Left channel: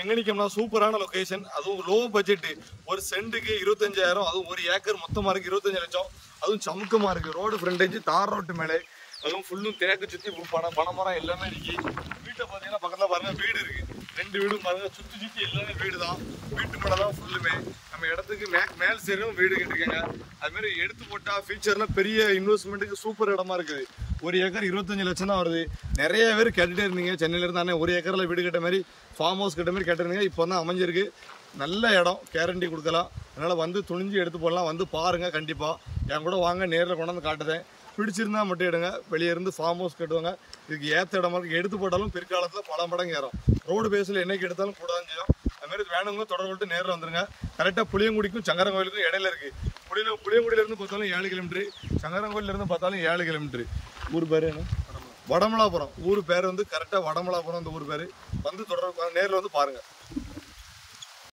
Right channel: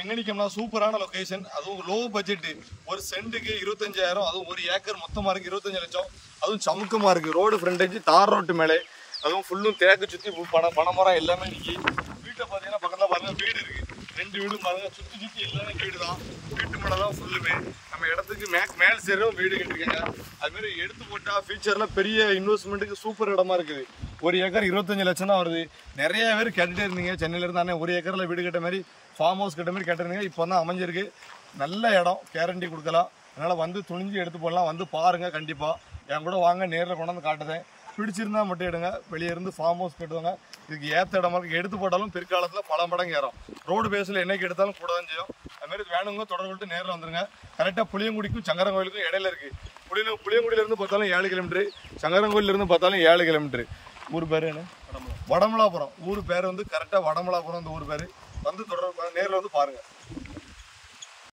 எங்க நிக்கோம்னா சூப்பரான லொகேஷன், அதுவும் லோ பட்ஜெட். ஒரு சென்ட்டுக்கு 25,000, அதுவும் ஒரு ஏக்கர் மொத்தமா இருக்கு 25 லட்சம். அதுவும் சமுக்கமா இருக்கு. ரோடு ஃப்ரண்டேஜ் தார் ரோட்டு மேலே, அதுவும் ஃபுல்லும் தேக்கு சுத்தி பனைமரம் எல்லாமே இருக்கு. வீட்டை பாத்தீங்கன்னா பக்கத்துல பாருங்க வீடு இருக்கு, 2 வீடும் பாருங்க, சுத்தி சுத்தி எல்லாமே வீடு தான். வீட்டு மேல தான் ஃபுல்லுமே. நம்ம இடத்துக்கு மேல் சேரும் வீடு கட்டிருக்காங்க. அது மாதிரி எடுத்து போட்டா ஃபியூச்சர்ல பெரிய இன்வெஸ்ட்மெண்ட்டுக்கு சூப்பர் இடமா இருக்குது. ஒரு ஏக்கர் 25 லட்சம் தான் வருது. நிறைய பேர் கேட்டுட்டே இருந்தீங்க சென்னையில இருந்தானே ஒரு ஏக்கர்ல வீடு கட்ட மாதிரி, ஃபார்ம் ஹவுஸ் கட்ட மாதிரி கேட்டிருந்தீங்க. இப்போ தான் அமைஞ்சிருக்கு. நல்ல இடம், கேரண்டி கொடுக்கலாம். அதனால வந்து துணிஞ்சு எடுத்து போடலாம். வந்து பாருங்க, கண்டிப்பா என் கூட வாங்க, நேரில் கொண்டாந்து காட்டுதேன். பிடிச்சிருந்தா மட்டும் எடுங்க. வெளியே இருந்து ஃபார்ம் ஹவுஸ் கட்டுவாங்க. இதுக்கு ஏற்ற இடமா இருக்கு. எடுத்து போட்டாலும் பிற்காலத்தில் பல மடங்கு ஏறும். ரோடு பேஸில் என்னைக்கு எடுத்தாலும் கூட தான் செய்யும். அதுமாரி வேணுங்க தொடர்பு கொண்டு நேரில் வந்துருங்க. கரெக்டாக புளியங்குடிக்கும் சங்கரங்கோயிலுக்கும் இடையில இருக்கு. புளியங்குடியிலேருந்து பார்த்தாலும் 7 கிலோமீட்டர், சங்கரங்கோயிலிருந்து பார்த்தாலும் 7 கிலோமீட்டர். ஊர் பேர் என்ன? வடமலாபுரம். ஊர் பேர் வந்து கரெக்டாக வடமலாபுரம். அந்த ஊர் பேர் வந்து தொடர்பு நேரில் வந்து பாருங்க.